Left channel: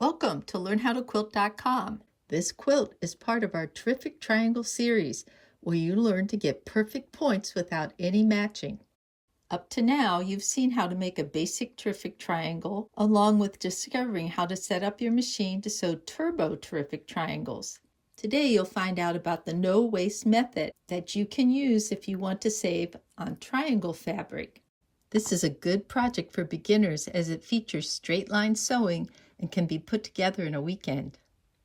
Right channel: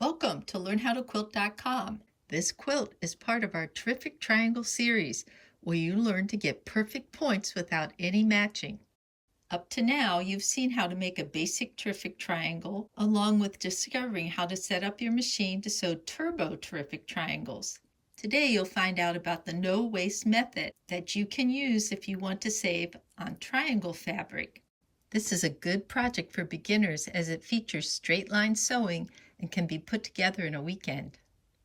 Welcome to LearnHowToQuilt.com. This quilt is part of our Terrific Triangle series, where you learn to get perfect points without any matching. Up to now, you've seen how to make a basic terrific triangle, along with discovering how to set up your machine to sew turbo terrific triangles. Today, you'll find out about the no-waste method that you can use if you want to save on triangle fabric. This is a good project for beginners as it features straight line sewing and can be put together in a weekend.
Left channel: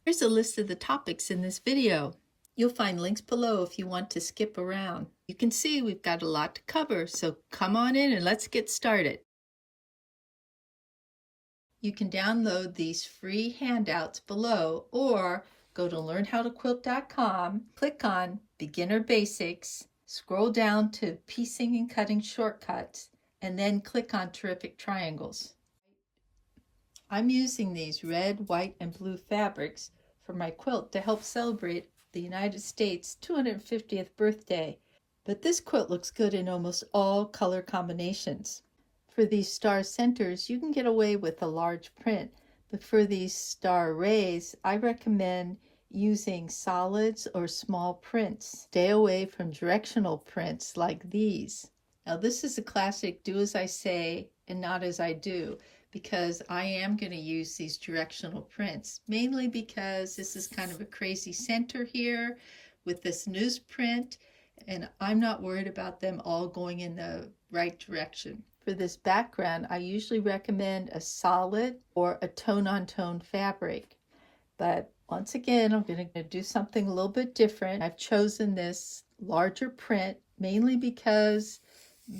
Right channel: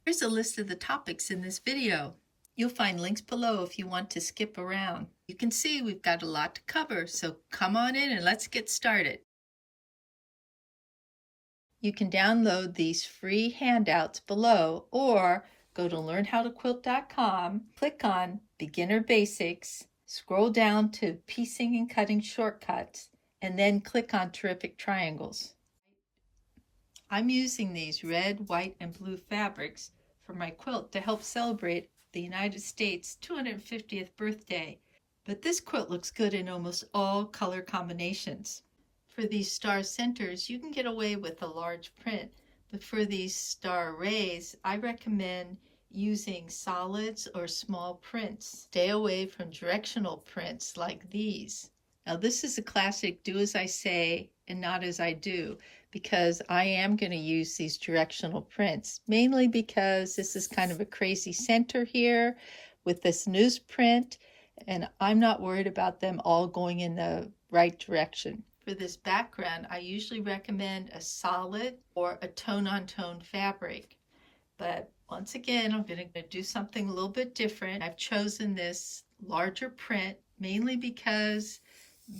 Here's a list of the topics in this video. You'll find links below if you want to skip around. You can see we've got a lot to cover, so come on in and let's get started. You can download these free handouts below or go to LearnHowToQuilt.com, click on Beginner Basics, scroll down to Piecing and Cutting Shortcuts, and then click on Terrific Triangles. I'm using these red, white, and blue fabrics for my quilt to help celebrate the United States' 250th birthday, but this quilt looks good in almost all color combinations. For these star centers, you can get away with a large print, but for these star rays, I recommend using solids or small prints. Stay away from directional prints like these. Now this is a classic do as I say and not as I do, because I am going to use these directional prints, mainly because this is kind of a crazy center here with this newsprint, and I'm not worried about them all going in the right direction. For this background, I usually recommend a solid or a tone-on-tone fabric, but once again, I'm going to do something a little bit different. I've chosen this larger print mainly because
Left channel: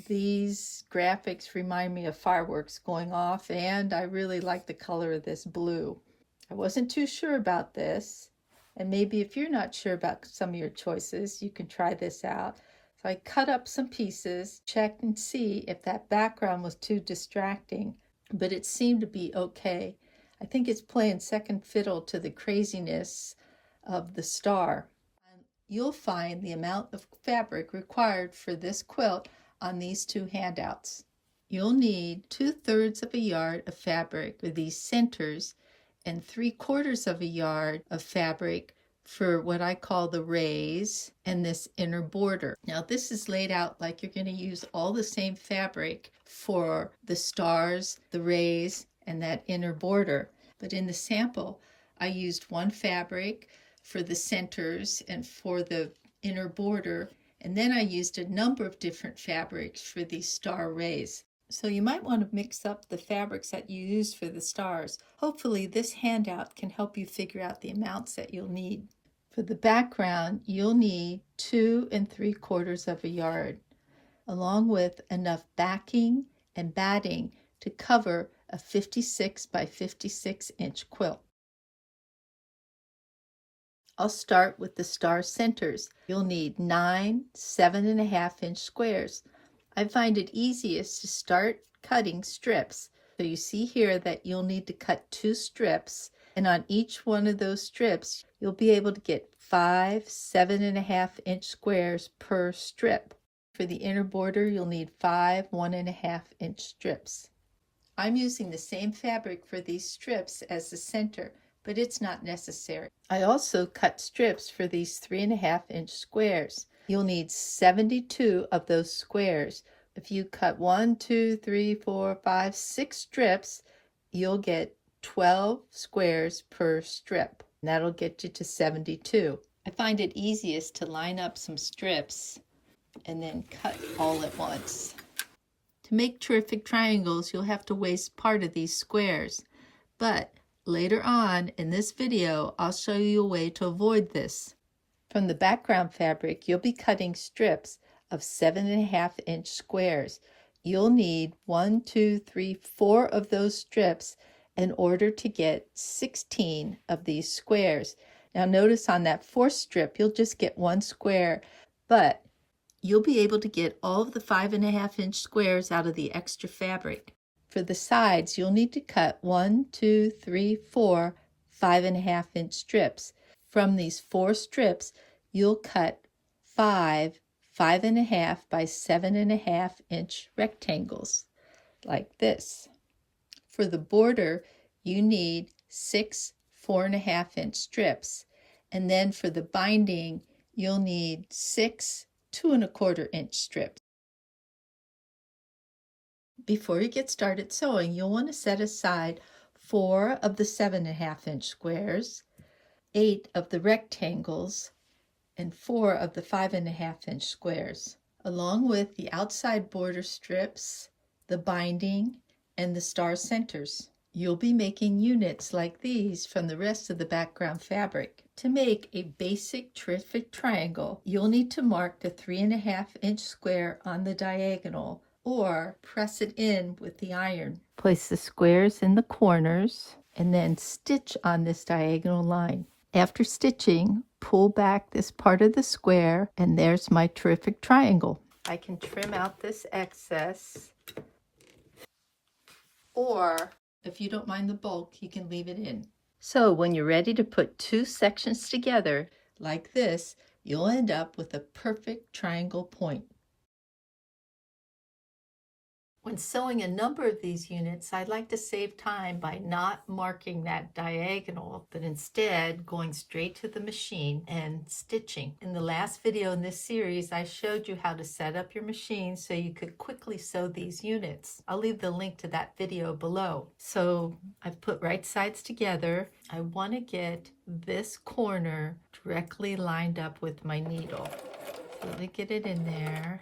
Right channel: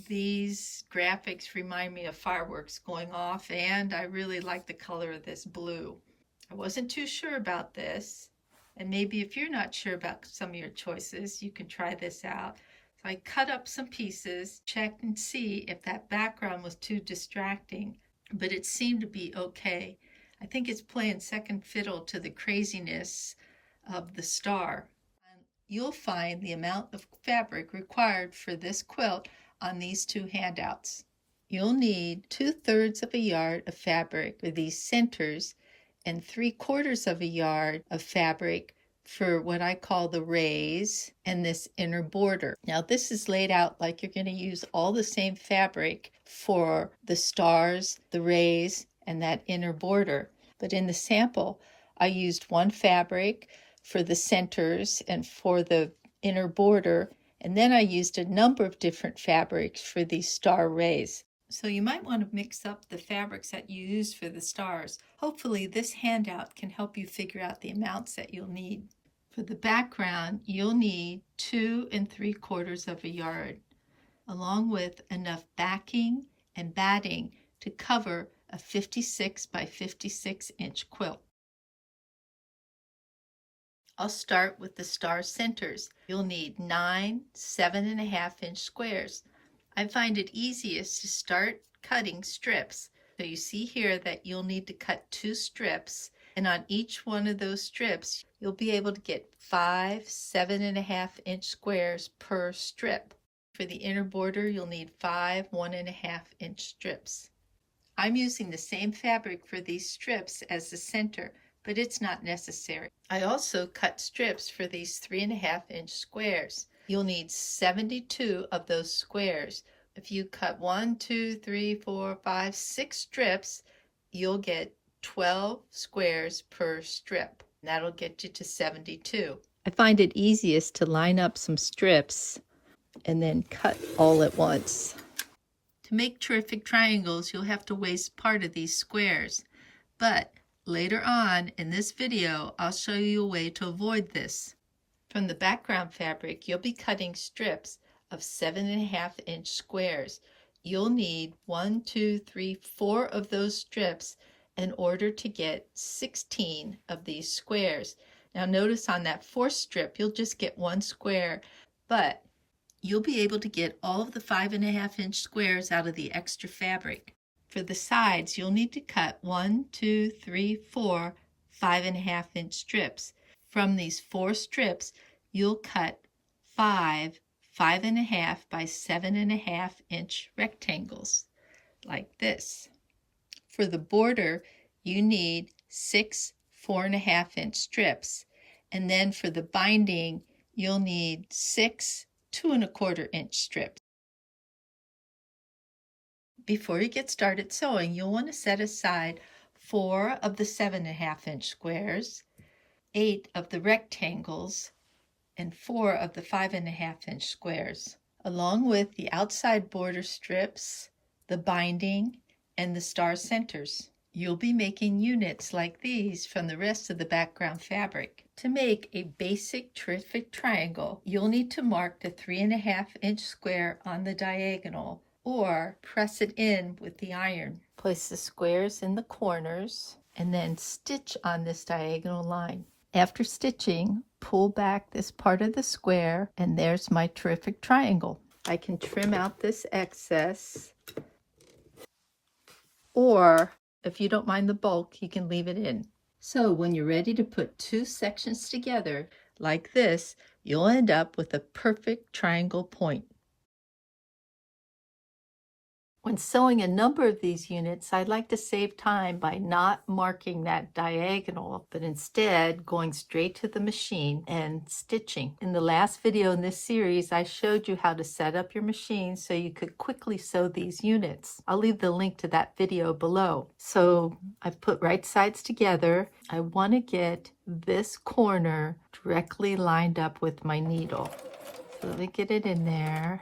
these graphics remind me of fireworks going off, and I really like the color of this blue. I wasn't too sure about this, and maybe if you're not sure about some of your choices, you can try this out. So I cut up some pieces, checked and see if that background was too distracting, but it seemed to be okay. I think it's playing second fiddle to the craziness of the star. And you'll find the amount of fabric required for this quilt on these two handouts. You'll need 2/3 of a yard of fabric for these centers and 3/4 of a yard of fabric for what I call the rays and this inner border. Now this is laid out like you're going to use all the same fabric for the stars, the rays, and that inner border. But in the sample, I used one fabric for the centers and for the inner border, and then I used a number of different fabrics for these star rays. So you might want to mix up the fabrics that you use for the stars. Hopefully this handout can help you figure out the amounts that you'll need. For the background, you'll need 2 3/4 of a yard, along with enough backing and batting to cover a 56 by 56 inch quilt. I'll start with the star centers. You'll need 9 7.5 inch squares. I find it easiest to start cutting strips. So you see here that you'll need to cut 2 strips, and on each one of those strips, you'll be able to get 5 7.5 inch squares per strip. For the inner border, you'll need 5 1.5 inch strips. I'm using the same fabric for these strips as the center, but it's not necessary. I also cut strips for these 3.5 inch squares. You'll need 72 of those squares. If you cut 1, 2, 3, 4, 5, 6 strips, you'll get 12 squares per strip. And that'll get you to 72. I find it easiest to line up some strips and then cut all at once. To make terrific triangles, you'll have to waste part of these squares, but later on in this video, I'll show you a way to avoid this. From the background fabric, you'll be cutting strips of 7.5 inch squares. You'll need 1, 2, 3, 4 of those strips in order to get 16 of these squares. Now notice on that 4th strip, you'll just get 1 square, but you'll be able to get all of the 5.5 inch squares out of the extra fabric. For the sides, you'll need to cut 1, 2, 3, 4 5.5 inch strips. From these 4 strips, you'll cut 5 5.5 by 7.5 inch rectangles, like this. For the border, you need 6 4.5-inch strips. And then for the binding, you'll need 6 2.25-inch strips. Before you get started sewing, you'll want to set aside 4 of the 7.5-inch squares, 8 of the rectangles, and 4 of the 5.5-inch squares, along with the outside border strips, the binding, and the star centers. You'll be making units like these from the rest of the background fabric. To make a basic terrific triangle, you'll need to mark the 3.5-inch square on the diagonal or press it in with the iron. Place the squares in the corners and then stitch on this diagonal line. After stitching, pull back this part of the square and there's my terrific triangle. I can trim out this excess, or if you don't mind the bulk, you can leave it in. So when you're ready to put 2 sections together like this, you'll end up with a perfect triangle point. When sewing a number of these units, I'd like to save time by not marking that diagonal, but instead going straight to the machine and stitching. In the last video in this series, I showed you how to set up your machine so you could quickly sew these units. I'll leave the link to that video below. So I've put right sides together. I want to get this corner directly lined up with my needle. So let me get it in there.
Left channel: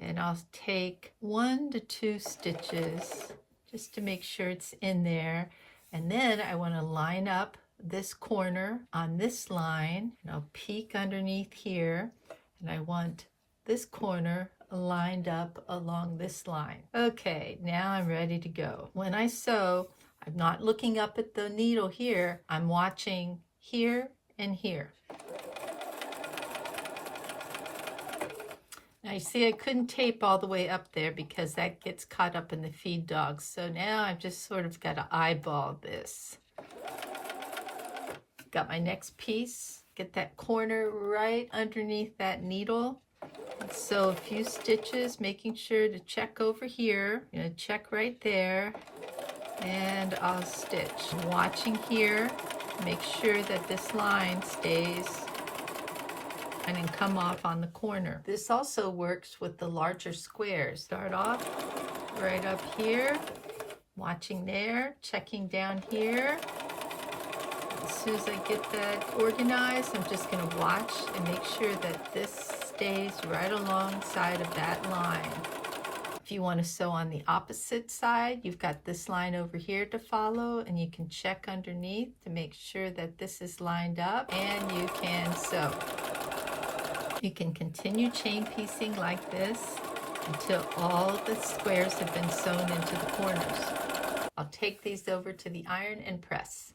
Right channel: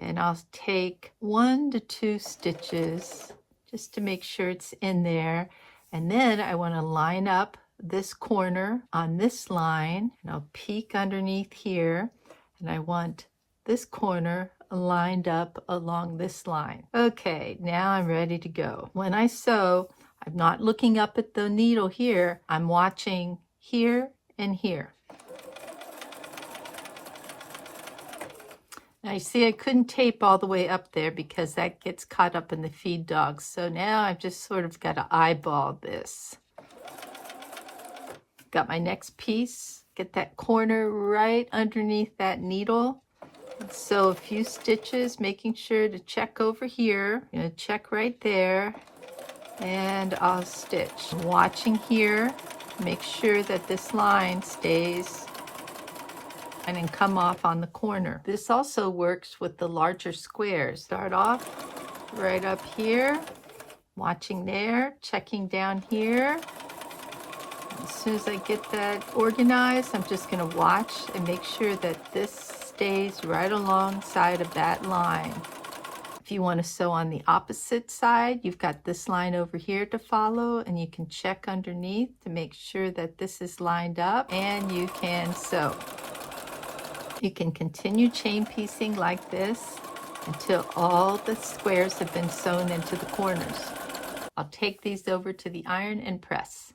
And I'll take 1 to 2 stitches just to make sure it's in there. And then I want to line up this corner on this line. And I'll peek underneath here. And I want this corner lined up along this line. Okay, now I'm ready to go. When I sew, I'm not looking up at the needle here. I'm watching here and here. Now you see I couldn't tape all the way up there because that gets caught up in the feed dogs. So now I've just sort of got to eyeball this. Got my next piece. Get that corner right underneath that needle. And sew a few stitches, making sure to check over here. I'm going to check right there. And I'll stitch. Watching here, make sure that this line stays and then come off on the corner. This also works with the larger squares. Start off right up here, watching there, checking down here. As soon as I get that organized, I'm just going to watch and make sure that this stays right alongside of that line. If you want to sew on the opposite side, you've got this line over here to follow, and you can check underneath to make sure that this is lined up, and you can sew. You can continue chain piecing like this until all the squares have been sewn into the corners. I'll take these over to the iron and press.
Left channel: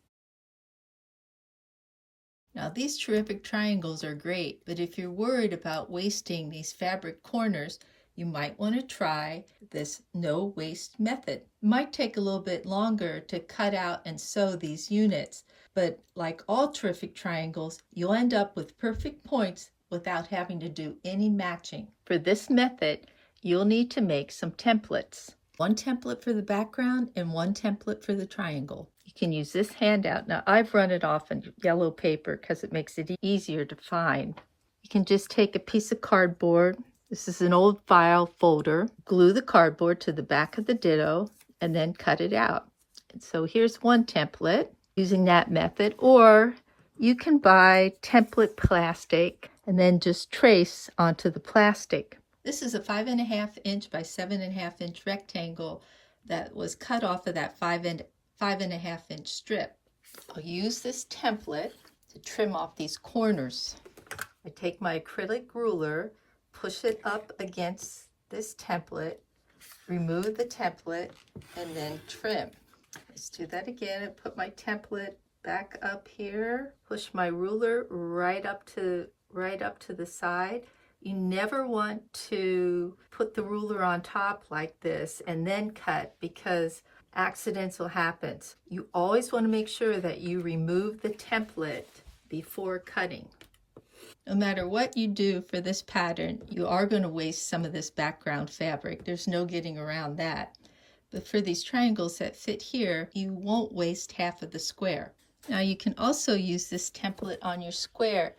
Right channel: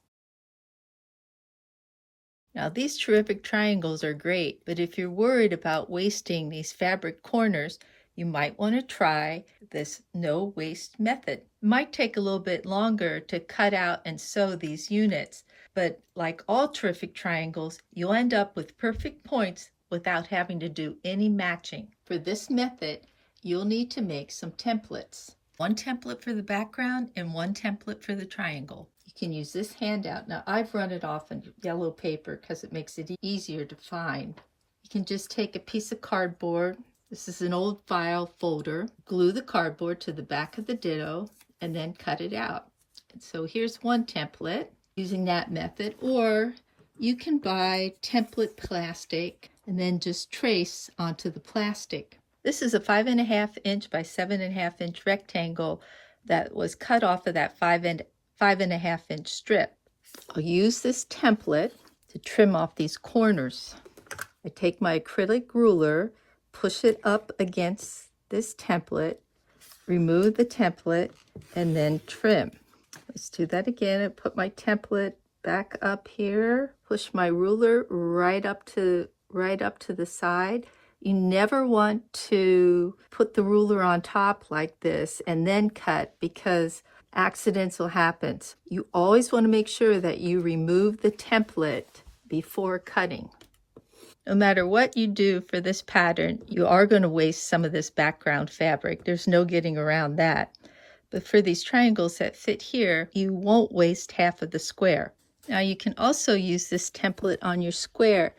Now these terrific triangles are great, but if you're worried about wasting these fabric corners, you might want to try this no waste method. It might take a little bit longer to cut out and sew these units, but like all terrific triangles, you'll end up with perfect points without having to do any matching. For this method, you'll need to make some templates. 1 template for the background and 1 template for the triangle. You can use this handout. Now I've run it off in yellow paper because it makes it easier to find. You can just take a piece of cardboard. This is an old file folder. Glue the cardboard to the back of the ditto and then cut it out. And so here's 1 template using that method, or you can buy template plastic and then just trace onto the plastic. This is a 5.5-inch by 7.5-inch rectangle that was cut off of that 5.5-inch strip. I'll use this template to trim off these corners. I take my acrylic ruler, push it up against this template, remove the template, and then trim. Let's do that again. I put my template back up here, push my ruler right up to the side. You never want to put the ruler on top like this and then cut, because accidents will happen. You always want to make sure that you remove the template before cutting. No matter what you do for this pattern, you are going to waste some of this background fabric. There's no getting around that. But for these triangles that fit here, you won't waste half of the square. Now you can also use this template on your square.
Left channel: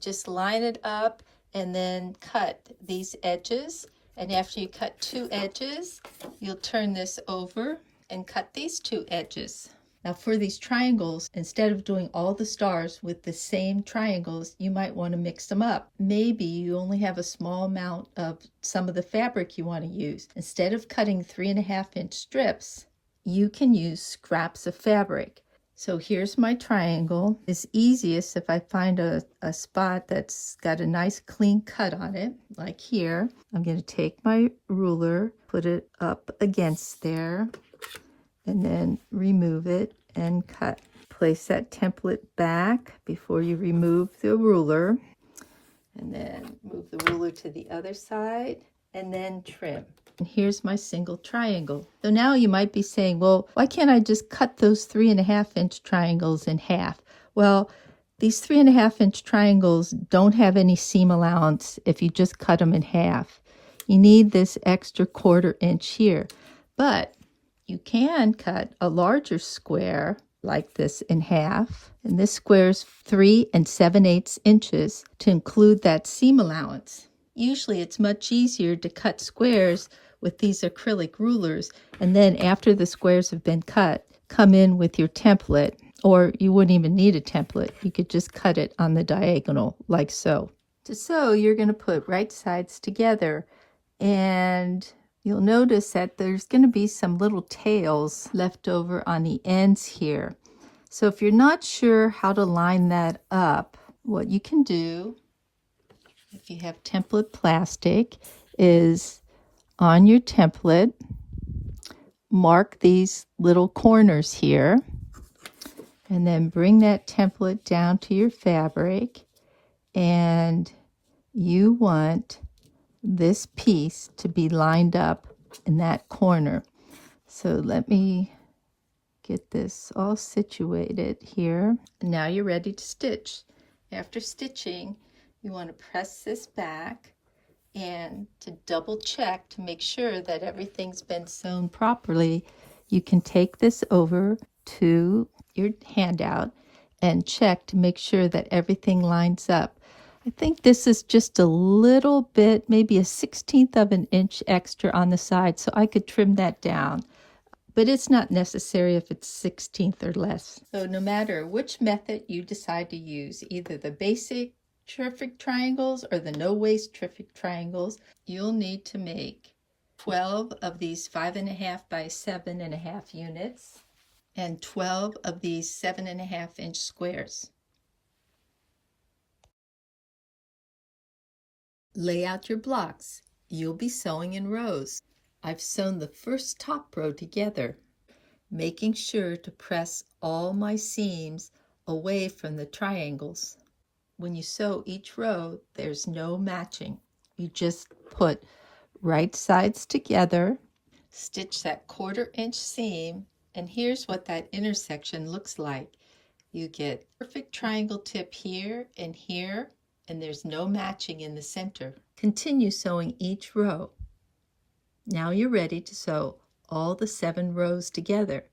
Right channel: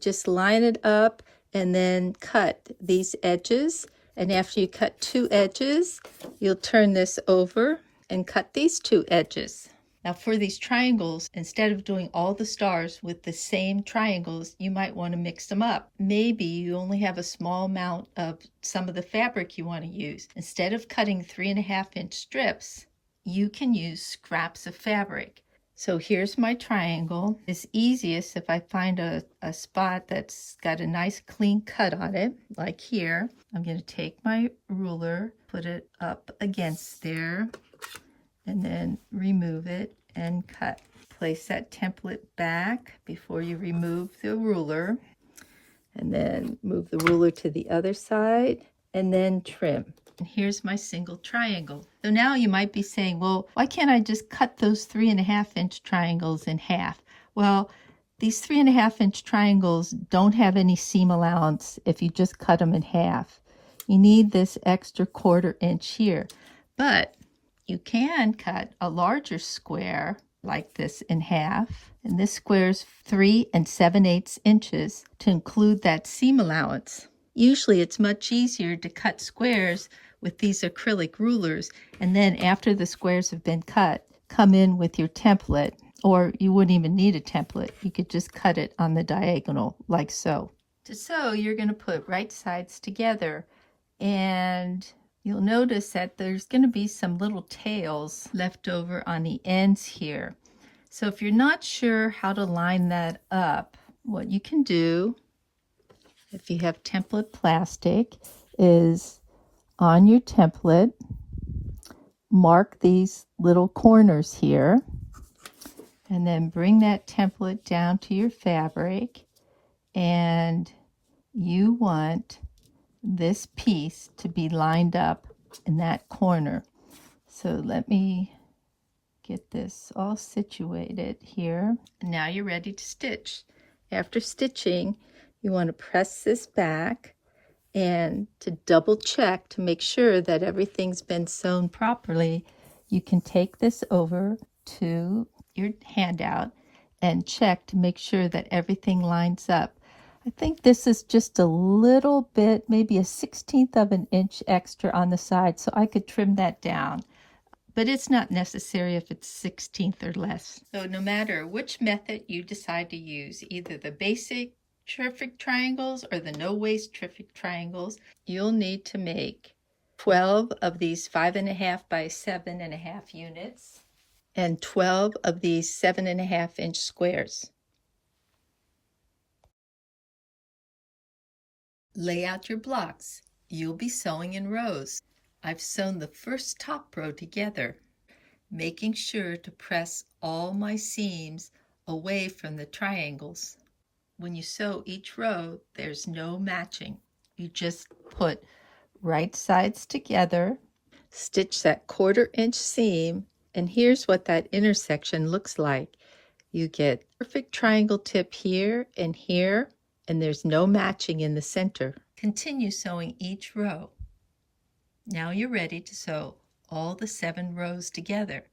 Just line it up and then cut these edges. And after you cut 2 edges, you'll turn this over and cut these 2 edges. Now for these triangles, instead of doing all the stars with the same triangles, you might want to mix them up. Maybe you only have a small amount of some of the fabric you want to use. Instead of cutting 3.5-inch strips, you can use scraps of fabric. So here's my triangle. It's easiest if I find a spot that's got a nice clean cut on it, like here. I'm going to take my ruler, put it up against there, and then remove it and cut. Place that template back before you remove the ruler, and then move the ruler to the other side, and then trim. And here's my single triangle. So now you might be saying, well, why can't I just cut those 3.5-inch triangles in half? Well, these 3.5-inch triangles don't have any seam allowance if you just cut them in half. You need this extra 1/4 inch here. But you can cut a larger square like this in half. And this square is 3 7/8 inches to include that seam allowance. Usually it's much easier to cut squares with these acrylic rulers, and then after the squares have been cut, come in with your template, or you wouldn't even need a template. You could just cut it on the diagonal like so. To sew, you're going to put right sides together, and you'll notice that there's going to be some little tails left over on the ends here. So if you're not sure how to line that up, what you can do, if you have template plastic, is on your template, mark these little corners here, and then bring that template down to your fabric, and you want this piece to be lined up in that corner. So let me get this all situated here. And now you're ready to stitch. After stitching, you want to press this back and to double check to make sure that everything's been sewn properly. You can take this over to your handout and check to make sure that everything lines up. I think this is just a little bit, maybe a 1/16 of an inch extra on the side, so I could trim that down. But it's not necessary if it's 1/16 or less. So no matter which method you decide to use, either the basic terrific triangles or the no waste terrific triangles, you'll need to make 12 of these 5.5 by 7.5 units and 12 of these 7.5-inch squares. Lay out your blocks. You'll be sewing in rows. I've sewn the first top row together, making sure to press all my seams away from the triangles. When you sew each row, there's no matching. You just put right sides together, stitch that 1/4 inch seam, and here's what that intersection looks like. You get perfect triangle tip here, and there's no matching in the center. Continue sewing each row. Now you're ready to sew all the 7 rows together.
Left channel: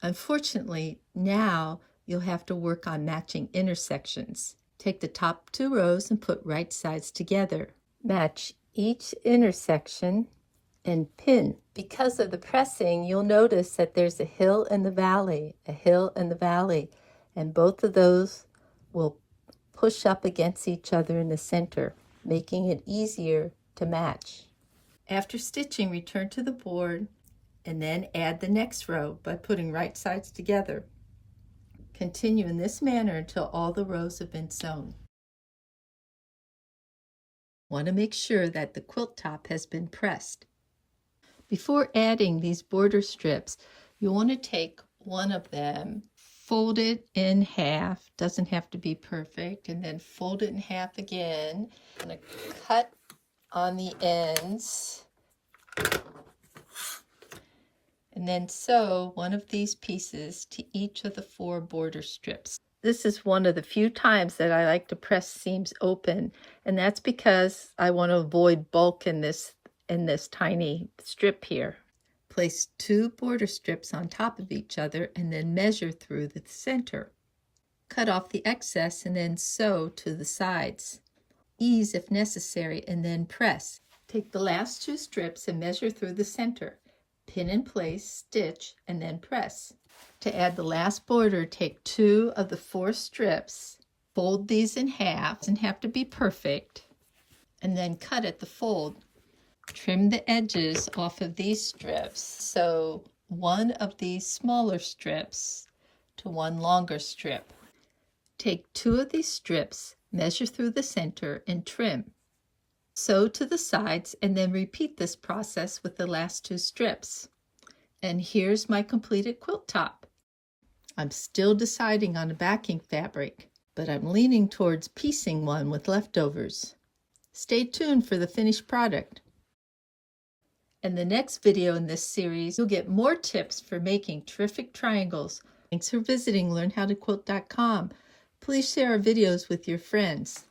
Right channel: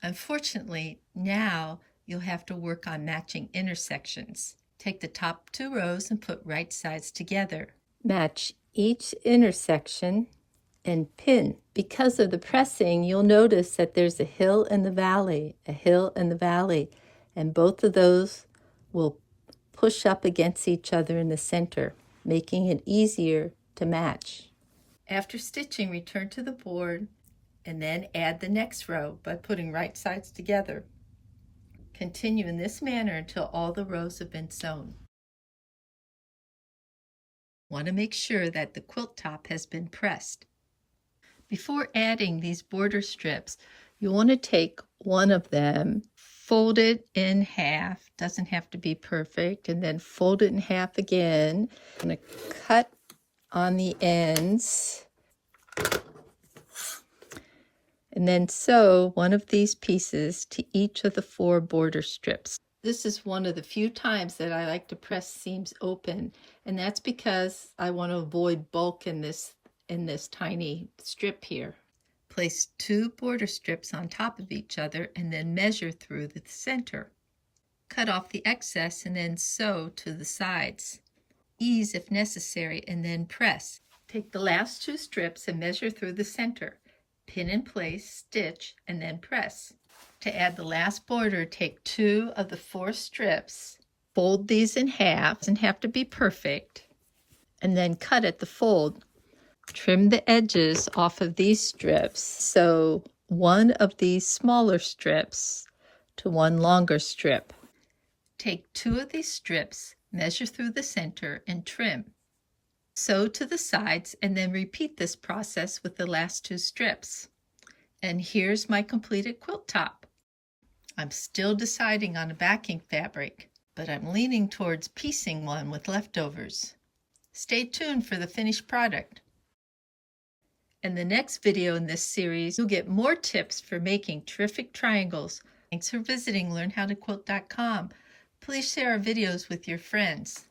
Unfortunately, now you'll have to work on matching intersections. Take the top 2 rows and put right sides together. Match each intersection and pin. Because of the pressing, you'll notice that there's a hill and the valley, a hill and the valley, and both of those will push up against each other in the center, making it easier to match. After stitching, return to the board and then add the next row by putting right sides together. Continue in this manner until all the rows have been sewn. Want to make sure that the quilt top has been pressed. Before adding these border strips, you want to take one of them, fold it in half, doesn't have to be perfect, and then fold it in half again. I'm going to cut on the ends, and then sew one of these pieces to each of the 4 border strips. This is one of the few times that I like to press seams open, and that's because I want to avoid bulk in this tiny strip here. Place 2 border strips on top of each other and then measure through the center. Cut off the excess and then sew to the sides. Ease if necessary and then press. Take the last 2 strips and measure through the center. Pin in place, stitch, and then press. To add the last border, take 2 of the 4 strips, fold these in half, doesn't have to be perfect, and then cut at the fold. Trim the edges off of these strips. Sew one of these smaller strips to one longer strip. Take 2 of these strips, measure through the center, and trim. Sew to the sides and then repeat this process with the last 2 strips. And here's my completed quilt top. I'm still deciding on a backing fabric, but I'm leaning towards piecing one with leftovers. Stay tuned for the finished product. In the next video in this series, you'll get more tips for making terrific triangles. Thanks for visiting LearnHowToQuilt.com. Please share our videos with your friends.